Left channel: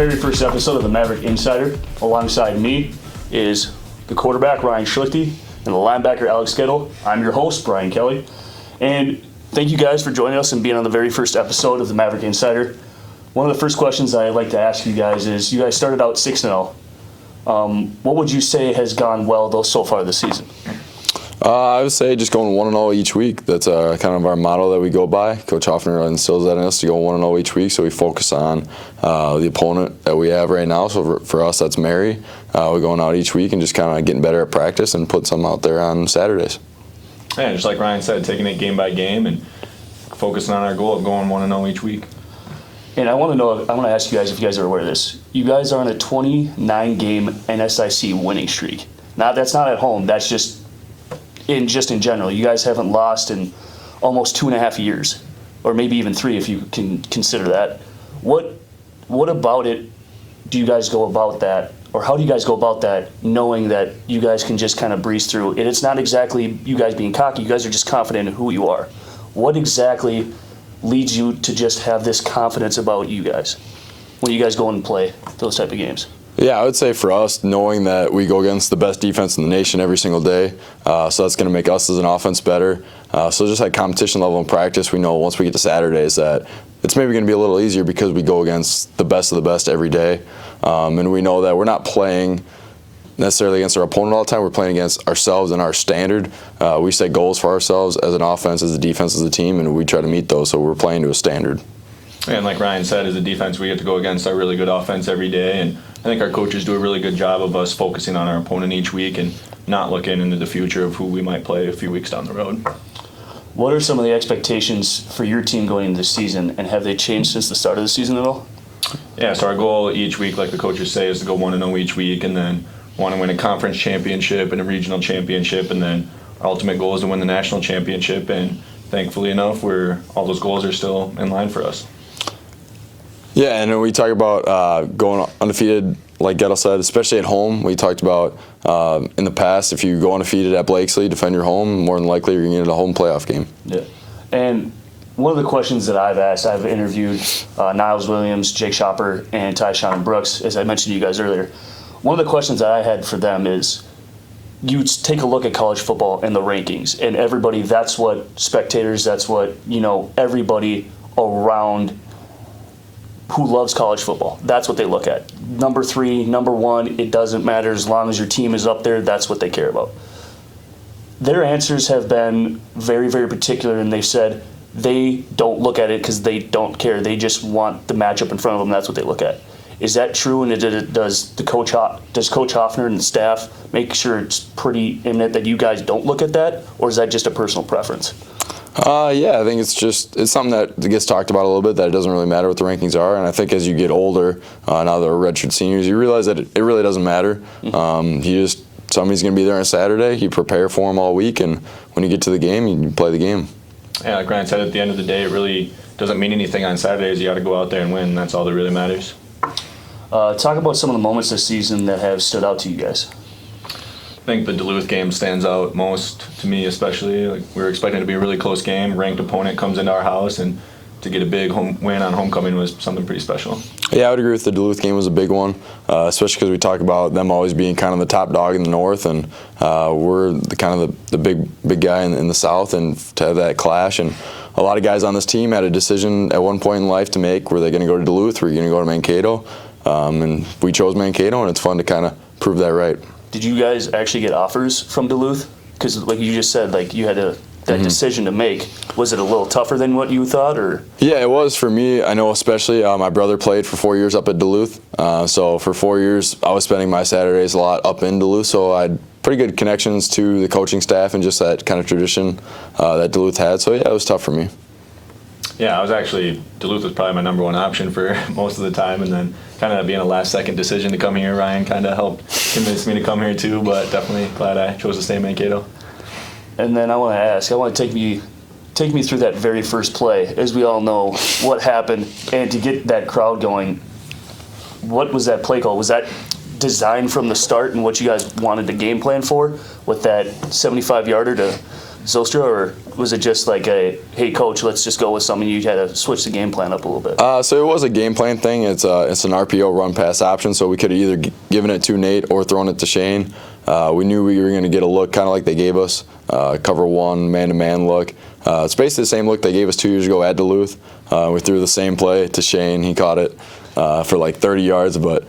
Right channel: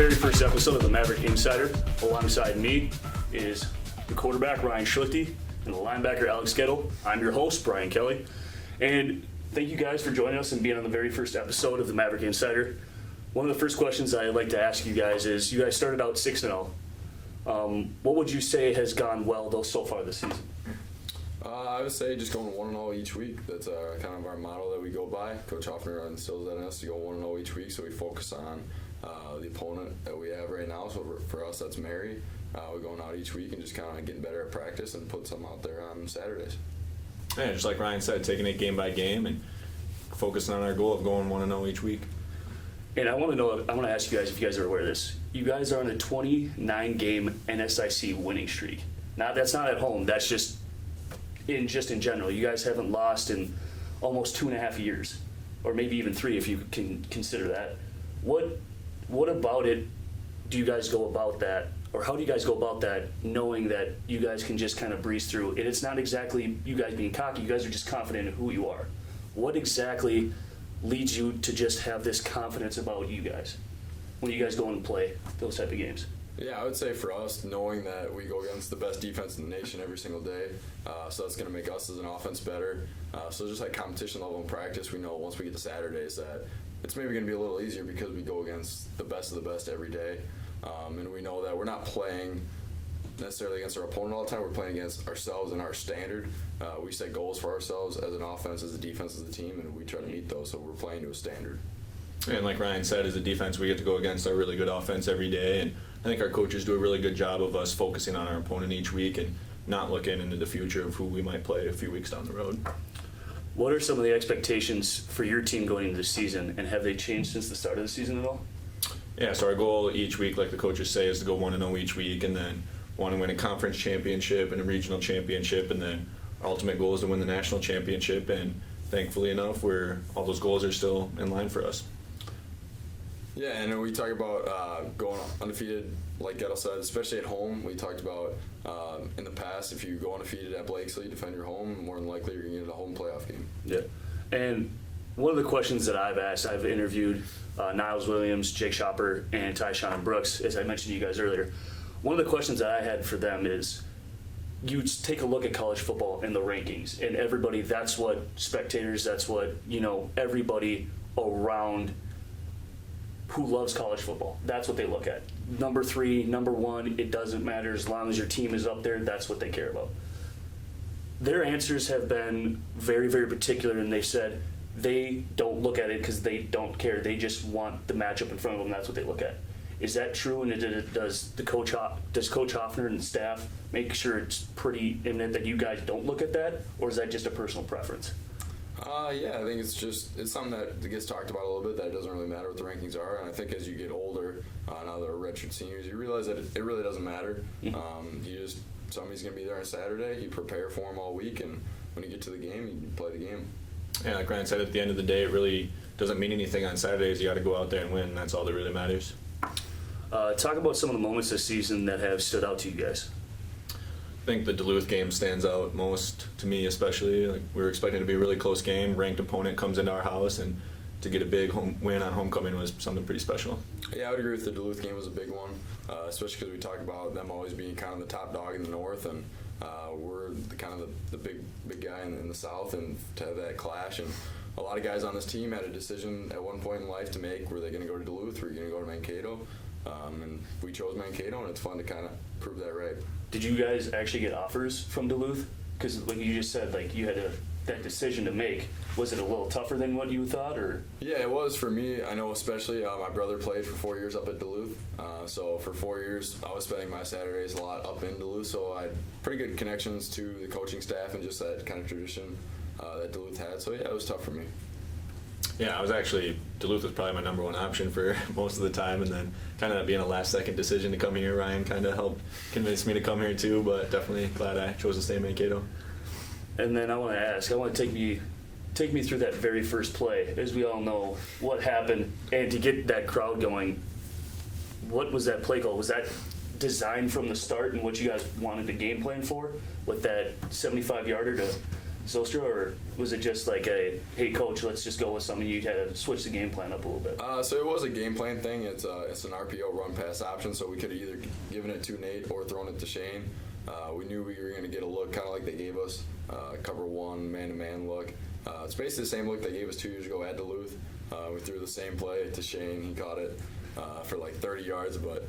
very first episode of the Maverick Insider. Alongside me is the quarterback, Ryan Schlichty, and the linebacker, Alex Skittle. I'm your host, Brian Kelly. And thank you guys for joining us and being on the very first episode of the Maverick Insider. One of the first questions I'd like to ask you guys is, you guys started out 6-0. What would you say has gone well, though, so far this season? I would say just going 1-0 each week. That's kind of our motto that we go by. Coach Hoffner instills that in us to go 1-0 each week, so we focus on the opponent that we have right now. So for us, that's Mary. We're going out each week and just kind of getting better at practice and put some out there on Saturdays. Yeah, just like Ryan said, taking it game by game and focusing on our goal of going 1-0 each week. And I want to ask you guys if you guys are aware of this. You guys are on a 29-game NSIC winning streak. Now, that's not at home. That's just in general. You guys haven't lost in almost 2.5 years, or maybe even 3 if you can consider that. What about it do you guys go about that, or how do you guys go about that, knowing that you guys can just kind of breeze through? And it's not exactly you guys being cocky. You guys are just confident in who you are. What exactly leads you to just have this confidence about you guys when you guys go and play those type of games? Yeah, I would say for us, knowing that we go against the best defense in the nation every single day, so that's going to make us as an offense better. So just like competition level in practice, we know once we get to Saturdays that it's maybe going to be a little easier because we go against the best of the best every day. And we know that we're not playing necessarily against our opponent all the time. We're playing against ourselves and our standard. We set goals for ourselves as an offense, as a defense, as a team, and we try to meet those, so we're playing to a standard. And like Ryan said, as a defense, we get to go against our really good offense every day, and I think our coaches do a really good job of us focusing on our opponent each week and not looking into the future of who we might play a few weeks down the road. What are some of the expectations for your team going into this season, and have they changed since the start of the season at all? Yeah, so our goal each week, like the coaches say, is to go 1-0 each week, and then want to win a conference championship and a regional championship, and then our ultimate goal is to win the national championship, and thankfully enough, all those goals are still in line for us. Yeah, and when we talk about going undefeated, like Gettle said, especially at home, we talked about in the past, if you go undefeated at Blakesley, defend your home, more than likely you're going to get a home playoff game. Yeah. And one of the questions that I've asked, I've interviewed Niles Williams, Jake Shopper, and Tyshawn Brooks, as I mentioned to you guys earlier. One of the questions that I had for them is, you take a look at college football and the rankings, and everybody, that's what spectators, that's what, everybody around who loves college football, that's what they look at. Number 3, number 1, it doesn't matter. As long as your team is up there, that's what they care about. Their answers have been very, very particular, and they've said they don't look at it because they don't care. They just want the matchup in front of them. That's what they look at. Is that true? And does Coach Hoffner and the staff make sure it's pretty imminent that you guys don't look at that, or is that just a personal preference? Yeah, I think it's something that gets talked about a little bit, that it doesn't really matter what the rankings are. And I think as you get older, now that we're redshirt seniors, you realize that it really doesn't matter. Somebody's going to be there on Saturday. You prepare for them all week, and when you get to the game, you play the game. Yeah, like Ryan said, at the end of the day, it really doesn't mean anything on Saturdays. You got to go out there and win. That's all that really matters. Talk about some of the moments this season that have stood out to you guys. I think the Duluth game stands out most to me, especially. Like, we were expecting it to be a really close game. Ranked opponent comes into our house, and to get a big home win on homecoming was something pretty special. Yeah, I would agree with the Duluth game was a big one, especially because we talk about them always being kind of the top dog in the North, and we're the big guy in the South, and to have that clash. And a lot of guys on this team had a decision at one point in life to make: were they going to go to Duluth, or were you going to go to Mankato? And we chose Mankato, and it's fun to kind of prove that right. Did you guys actually get offers from Duluth? Because like you just said, like you had that decision to make. Was it a little tougher than what you thought, or? Yeah, it was for me. I know especially my brother played for 4 years up at Duluth. So for 4 years, I was spending my Saturdays a lot up in Duluth. So I had pretty good connections to the coaching staff and just that kind of tradition that Duluth had. So yeah, it was tough for me. Yeah, Duluth was probably my number one option for most of the time, and then kind of being a last-second decision to come here, Ryan kind of helped convince me to come here too, but definitely glad I chose to stay in Mankato. And then I want to take me through that very first play. As we all know, what happened, and to get that crowd going, what was that play call? Was that designed from the start and what you guys wanted to game plan for, with that 75-yarder Zylstra, or was it just like a, hey, coach, let's just go with something, you had to switch the game plan up a little bit? So it was a game plan thing. It's an RPO run pass option, so we could have either given it to Nate or thrown it to Shane. We knew we were going to get a look kind of like they gave us, cover one, man-to-man look. It's basically the same look they gave us 2 years ago at Duluth. We threw the same play to Shane. He caught it for like 30 yards, but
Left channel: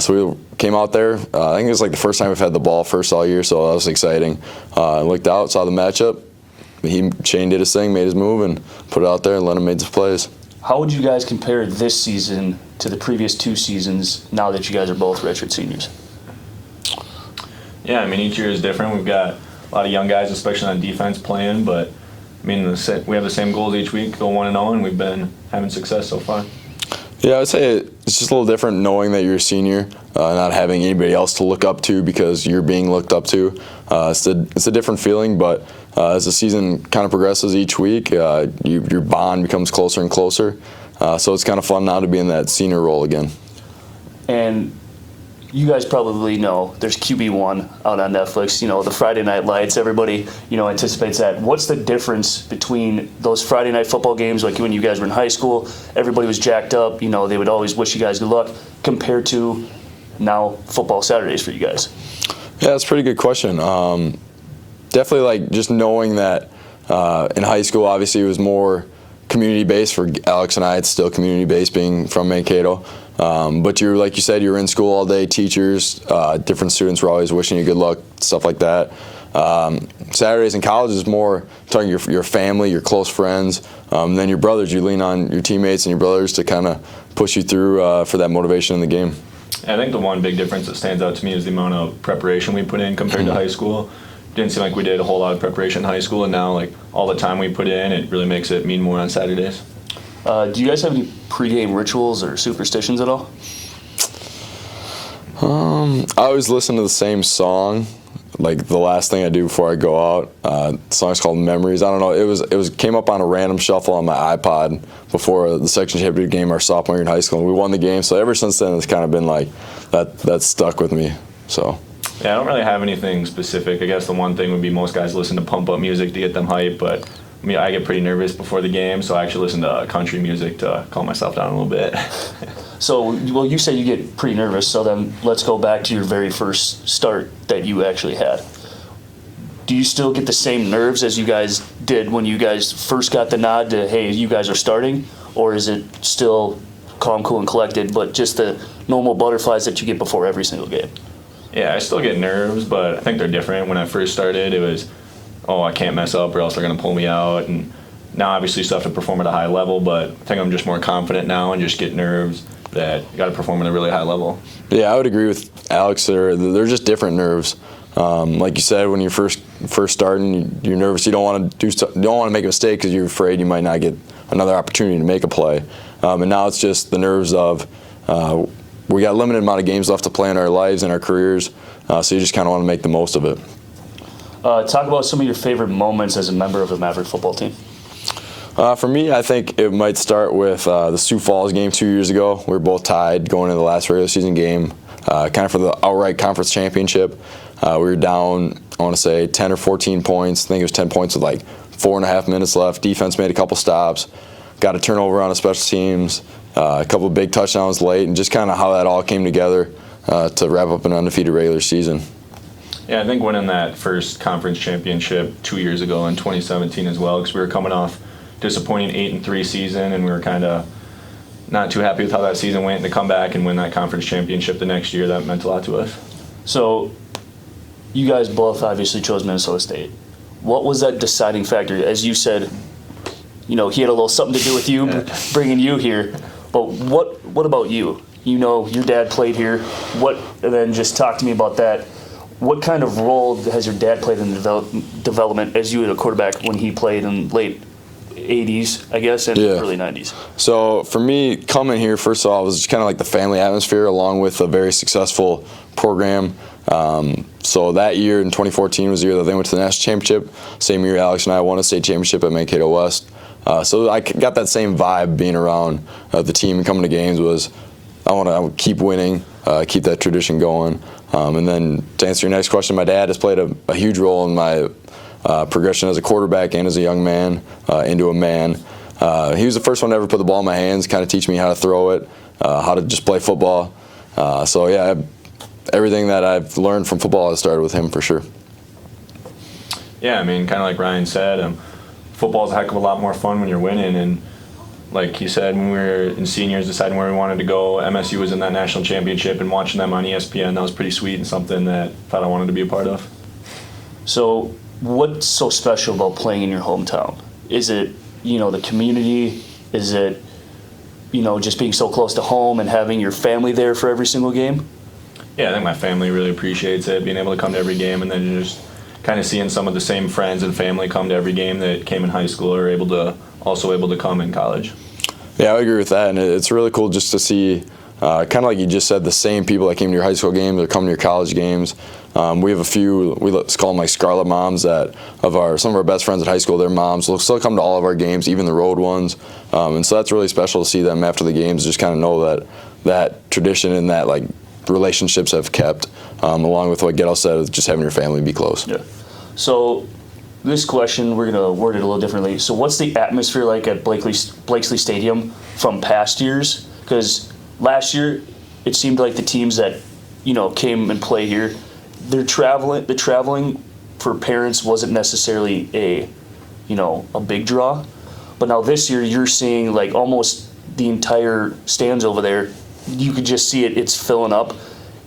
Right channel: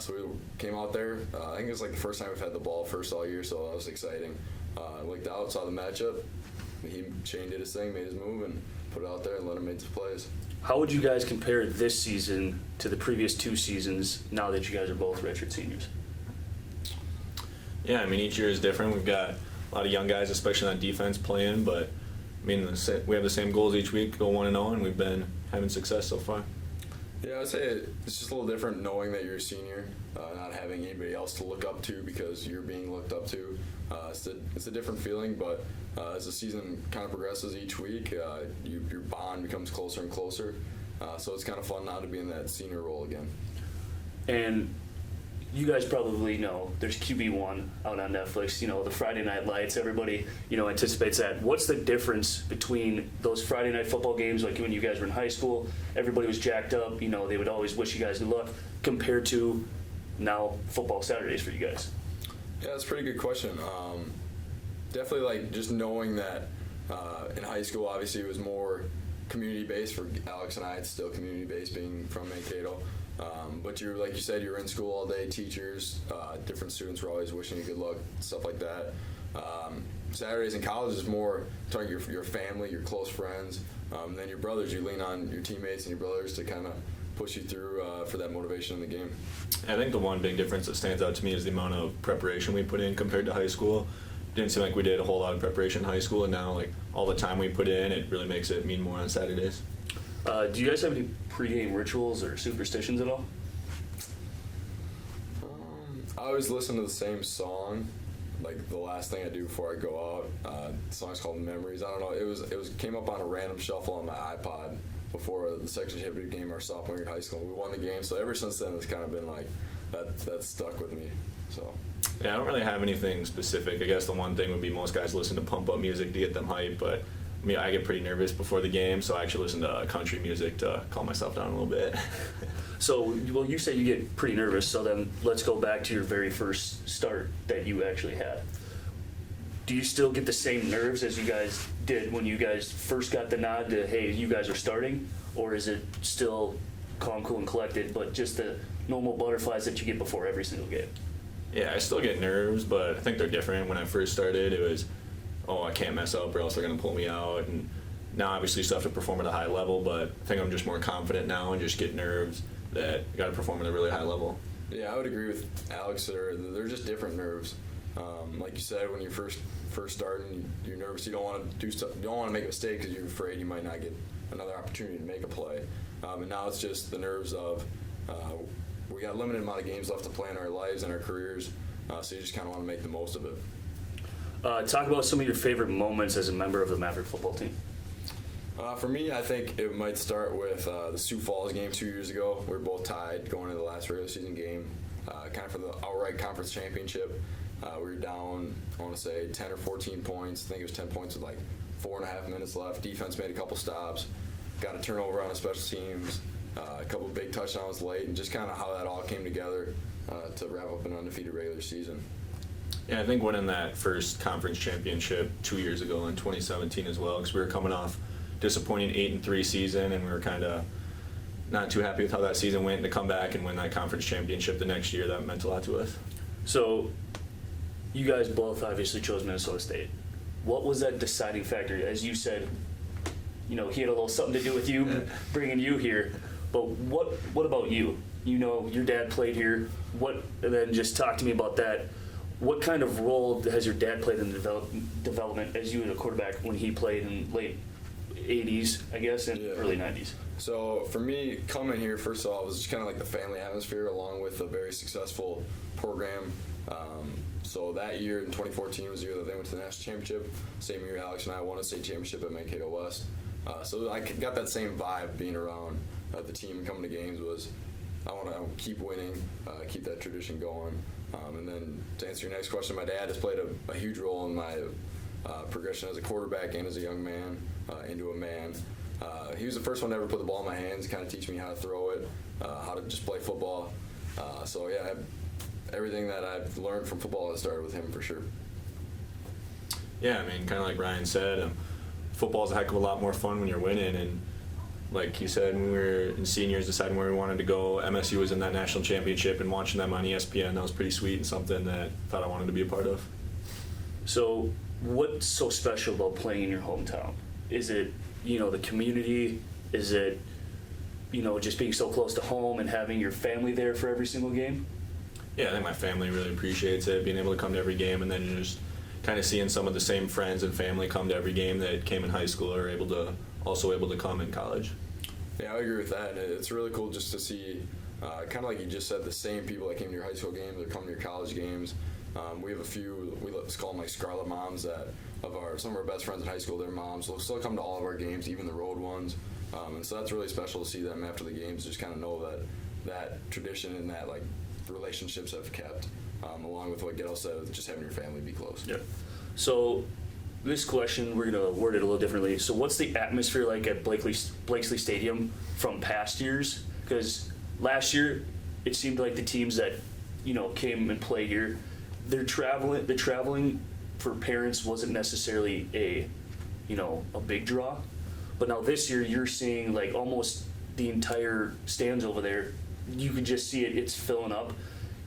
so we came out there. I think it was like the first time we've had the ball first all year, so that was exciting. Looked out, saw the matchup. Shane did his thing, made his move, and put it out there and let him make the plays. How would you guys compare this season to the previous 2 seasons now that you guys are both redshirt seniors? Yeah, I mean, each year is different. We've got a lot of young guys, especially on defense, playing, but I mean, we have the same goals each week, go 1-0, and we've been having success so far. Yeah, I would say it's just a little different knowing that you're a senior, not having anybody else to look up to because you're being looked up to. It's a different feeling, but as the season kind of progresses each week, your bond becomes closer and closer. So it's kind of fun now to be in that senior role again. And you guys probably know there's QB1 out on Netflix, the Friday Night Lights. Everybody, anticipates that. What's the difference between those Friday night football games, like when you guys were in high school, everybody was jacked up, they would always wish you guys good luck, compared to now football Saturdays for you guys? Yeah, that's a pretty good question. Definitely like just knowing that in high school, obviously it was more community-based. For Alex and I, it's still community-based being from Mankato. But like you said, you're in school all day, teachers, different students were always wishing you good luck, stuff like that. Saturdays in college is more talking your family, your close friends, and then your brothers. You lean on your teammates and your brothers to kind of push you through for that motivation in the game. I think the one big difference that stands out to me is the amount of preparation we put in compared to high school. Didn't seem like we did a whole lot of preparation in high school, and now like all the time we put in, it really makes it mean more on Saturdays. Do you guys have any pregame rituals or superstitions at all? I always listen to the same song, like the last thing I do before I go out. The song's called Memories. I don't know. It came up on a random shuffle on my iPod before the section championship game our sophomore year in high school, and we won the game. So ever since then, it's kind of been like that's stuck with me. So. Yeah, I don't really have anything specific. I guess the one thing would be most guys listen to pump up music to get them hyped, but I mean, I get pretty nervous before the game, so I actually listen to country music to calm myself down a little bit. So, well, you say you get pretty nervous, so then let's go back to your very first start that you actually had. Do you still get the same nerves as you guys did when you guys first got the nod to, hey, you guys are starting? Or is it still calm, cool, and collected, but just the normal butterflies that you get before every single game? Yeah, I still get nerves, but I think they're different. When I first started, it was, I can't mess up or else they're going to pull me out. And now, obviously, you still have to perform at a high level, but I think I'm just more confident now and just get nerves that you got to perform at a really high level. Yeah, I would agree with Alex. They're just different nerves. Like you said, when you're first starting, you're nervous. You don't want to make a mistake because you're afraid you might not get another opportunity to make a play. And now it's just the nerves of we got a limited amount of games left to play in our lives and our careers, so you just kind of want to make the most of it. Talk about some of your favorite moments as a member of the Maverick football team. For me, I think it might start with the Sioux Falls game 2 years ago. We were both tied going into the last regular season game, kind of for the outright conference championship. We were down, I want to say, 10 or 14 points. I think it was 10 points with like 4.5 minutes left. Defense made a couple stops, got a turnover on the special teams, a couple of big touchdowns late, and just kind of how that all came together to wrap up an undefeated regular season. Yeah, I think winning that first conference championship 2 years ago in 2017 as well, because we were coming off disappointing 8-3 season, and we were kind of not too happy with how that season went. And to come back and win that conference championship the next year, that meant a lot to us. So, you guys both obviously chose Minnesota State. What was that deciding factor? As you said, he had a little something to do with you bringing you here. But what about you? Your dad played here. And then just talk to me about that. What kind of role has your dad played in the development as you had a quarterback when he played in late 80s, I guess, and early 90s? So for me, coming here, first of all, it was just kind of like the family atmosphere along with a very successful program. So that year in 2014 was the year that they went to the national championship. Same year Alex and I won a state championship at Mankato West. So I got that same vibe being around the team and coming to games was I want to keep winning, keep that tradition going. And then to answer your next question, my dad has played a huge role in my progression as a quarterback and as a young man into a man. He was the first one to ever put the ball in my hands, kind of teach me how to throw it, how to just play football. So yeah, everything that I've learned from football has started with him for sure. Yeah, I mean, kind of like Ryan said, football's a heck of a lot more fun when you're winning. And like he said, when we were in seniors deciding where we wanted to go, MSU was in that national championship, and watching them on ESPN, that was pretty sweet and something that I thought I wanted to be a part of. So what's so special about playing in your hometown? Is it, the community? Is it, just being so close to home and having your family there for every single game? Yeah, I think my family really appreciates it, being able to come to every game, and then just kind of seeing some of the same friends and family come to every game that came in high school are also able to come in college. Yeah, I agree with that, and it's really cool just to see, kind of like you just said, the same people that came to your high school games are coming to your college games. We have a few, let's call them like Scarlet Moms, that some of our best friends at high school, their moms will still come to all of our games, even the road ones. And so that's really special to see them after the games, just kind of know that tradition and that like relationships have kept, along with what Gettle said, just having your family be close. Yeah. So this question, we're going to word it a little differently. So what's the atmosphere like at Blakesley Stadium from past years? Because last year, it seemed like the teams that, came and play here, the traveling for parents wasn't necessarily a big draw. But now this year, you're seeing like almost the entire stands over there. You could just see it's filling up.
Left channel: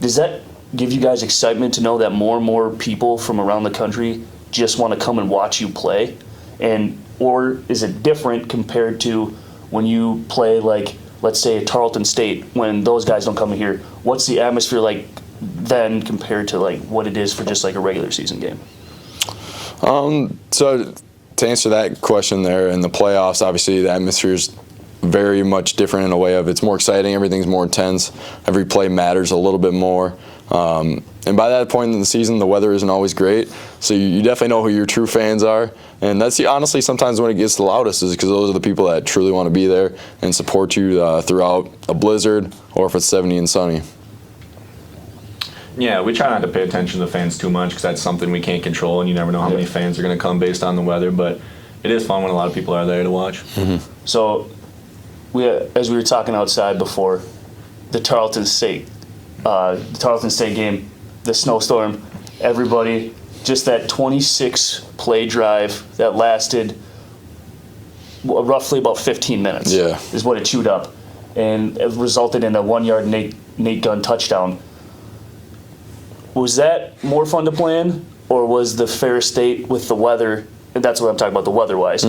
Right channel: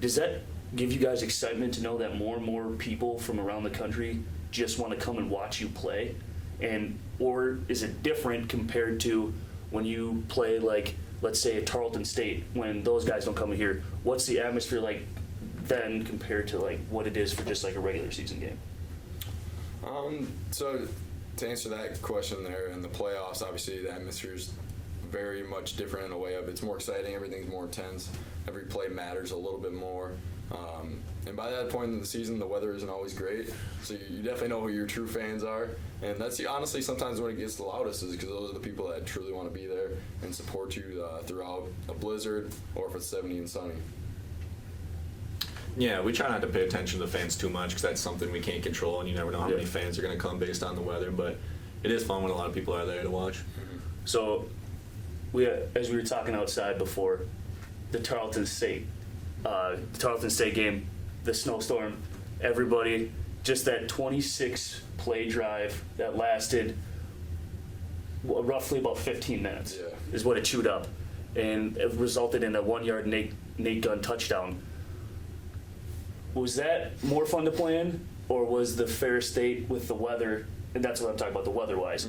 Does that give you guys excitement to know that more and more people from around the country just want to come and watch you play? Or is it different compared to when you play, like, let's say, Tarleton State, when those guys don't come here? What's the atmosphere like then compared to like what it is for just like a regular season game? So to answer that question there, in the playoffs, obviously the atmosphere is very much different in a way of it's more exciting, everything's more intense, every play matters a little bit more. And by that point in the season, the weather isn't always great, so you definitely know who your true fans are. And that's honestly sometimes when it gets the loudest, is because those are the people that truly want to be there and support you throughout a blizzard or if it's 70 and sunny. Yeah, we try not to pay attention to the fans too much because that's something we can't control, and you never know how many fans are going to come based on the weather. But it is fun when a lot of people are there to watch. Mm-hmm. So, as we were talking outside before, the Tarleton State game, the snowstorm, everybody, just that 26 play drive that lasted roughly about 15 minutes. Yeah. Is what it chewed up, and it resulted in a 1-yard Nate Gunn touchdown. Was that more fun to play in, or was the Ferris State with the weather, and that's what I'm talking about, the weather-wise,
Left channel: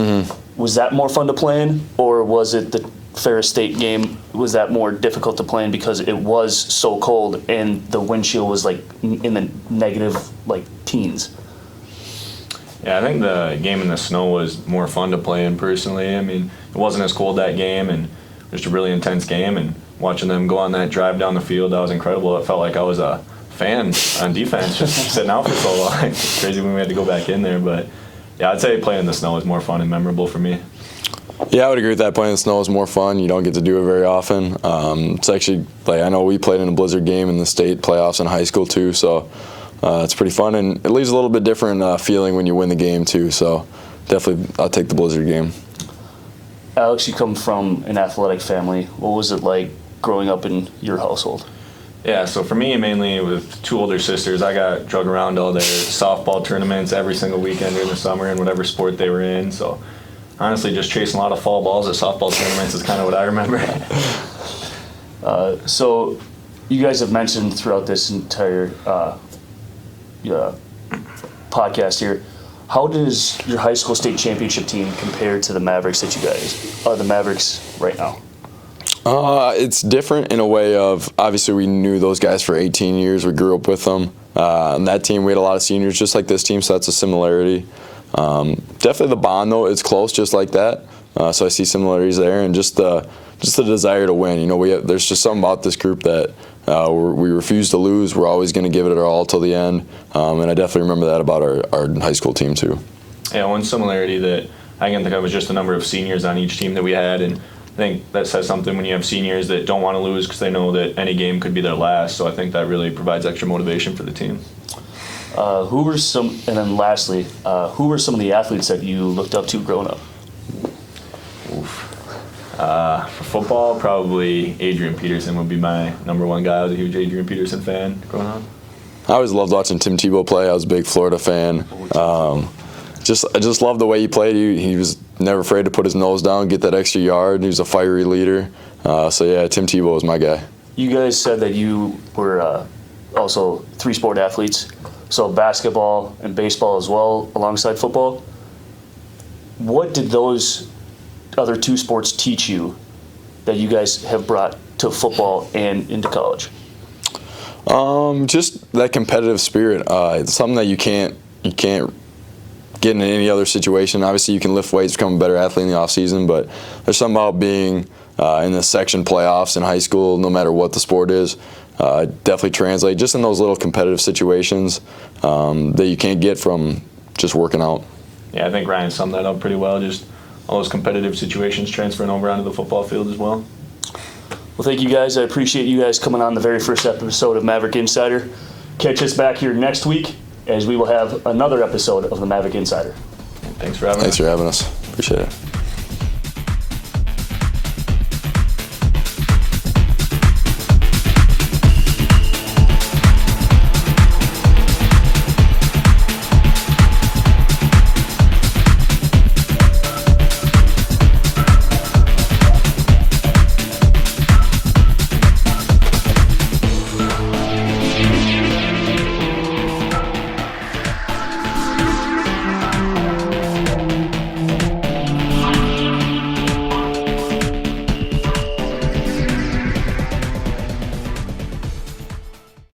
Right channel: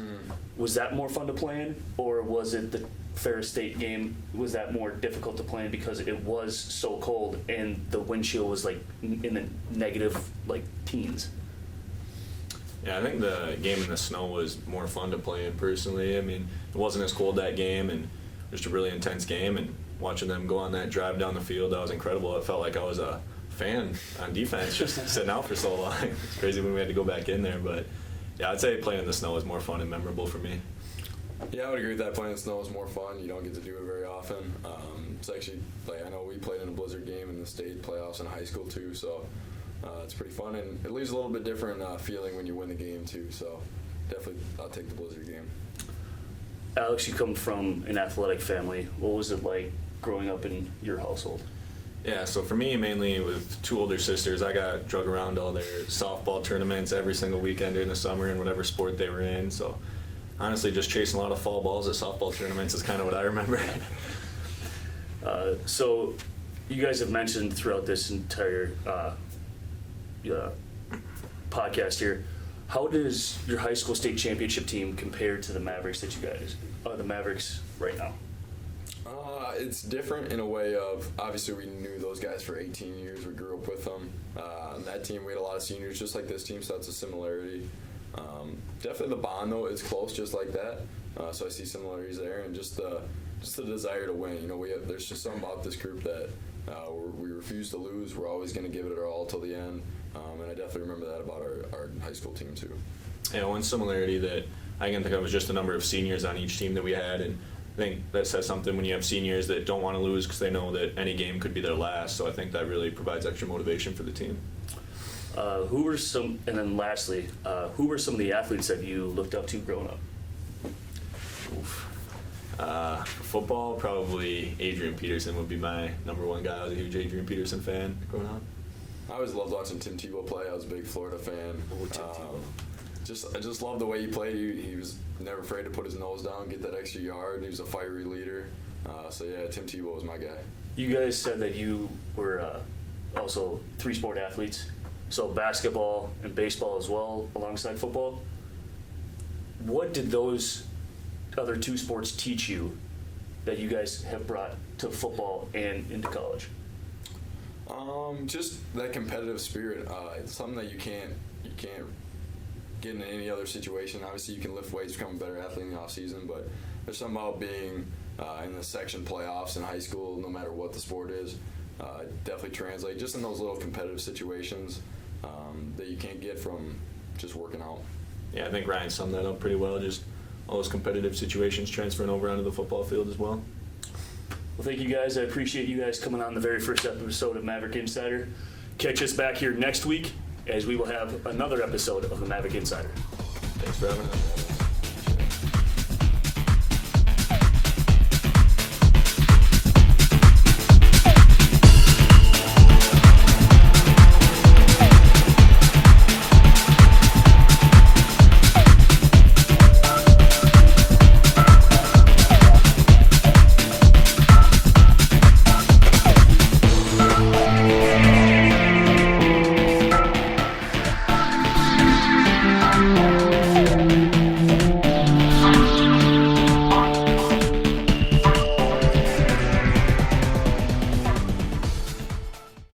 was that more fun to play in, or was it the Ferris State game, was that more difficult to play in because it was so cold and the wind chill was like in the negative like teens? Yeah, I think the game in the snow was more fun to play in personally. I mean, it wasn't as cold that game, and just a really intense game, and watching them go on that drive down the field, that was incredible. It felt like I was a fan on defense, just sitting out for so long. It's crazy when we had to go back in there, but yeah, I'd say playing in the snow is more fun and memorable for me. Yeah, I would agree with that. Playing in the snow is more fun. You don't get to do it very often. It's actually, like, I know we played in a blizzard game in the state playoffs in high school too, so it's pretty fun, and it leaves a little bit different feeling when you win the game too, so definitely I'll take the blizzard game. Alex, you come from an athletic family. What was it like growing up in your household? Yeah, so for me, mainly with two older sisters, I got drug around all their softball tournaments every single weekend during the summer in whatever sport they were in. So honestly, just chasing a lot of fall balls at softball tournaments is kind of what I remember. So you guys have mentioned throughout this entire podcast here, how does your high school state championship team compare to the Mavericks that you guys are the Mavericks right now? It's different in a way of, obviously we knew those guys for 18 years. We grew up with them. On that team, we had a lot of seniors just like this team, so that's a similarity. Definitely the bond, though, is close just like that. So I see similarities there, and just the desire to win. You know, there's just something about this group that we refuse to lose. We're always going to give it our all till the end, and I definitely remember that about our high school team too. Yeah, one similarity that I can think of was just the number of seniors on each team that we had, and I think that says something when you have seniors that don't want to lose because they know that any game could be their last. So I think that really provides extra motivation for the team. Who were some, and then lastly, who were some of the athletes that you looked up to growing up? For football, probably Adrian Peterson would be my number one guy. I was a huge Adrian Peterson fan growing up. I always loved watching Tim Tebow play. I was a big Florida fan. I just loved the way he played. He was never afraid to put his nose down, get that extra yard. He was a fiery leader. So yeah, Tim Tebow was my guy. You guys said that you were also three-sport athletes, so basketball and baseball as well alongside football. What did those other two sports teach you that you guys have brought to football and into college? Just that competitive spirit. It's something that you can't get in any other situation. Obviously, you can lift weights, become a better athlete in the off season, but there's something about being in the section playoffs in high school, no matter what the sport is. Definitely translate just in those little competitive situations that you can't get from just working out. Yeah, I think Ryan summed that up pretty well. Just all those competitive situations transferring over onto the football field as well. Well, thank you guys. I appreciate you guys coming on the very first episode of Maverick Insider. Catch us back here next week as we will have another episode of the Maverick Insider. Thanks for having us. Appreciate it.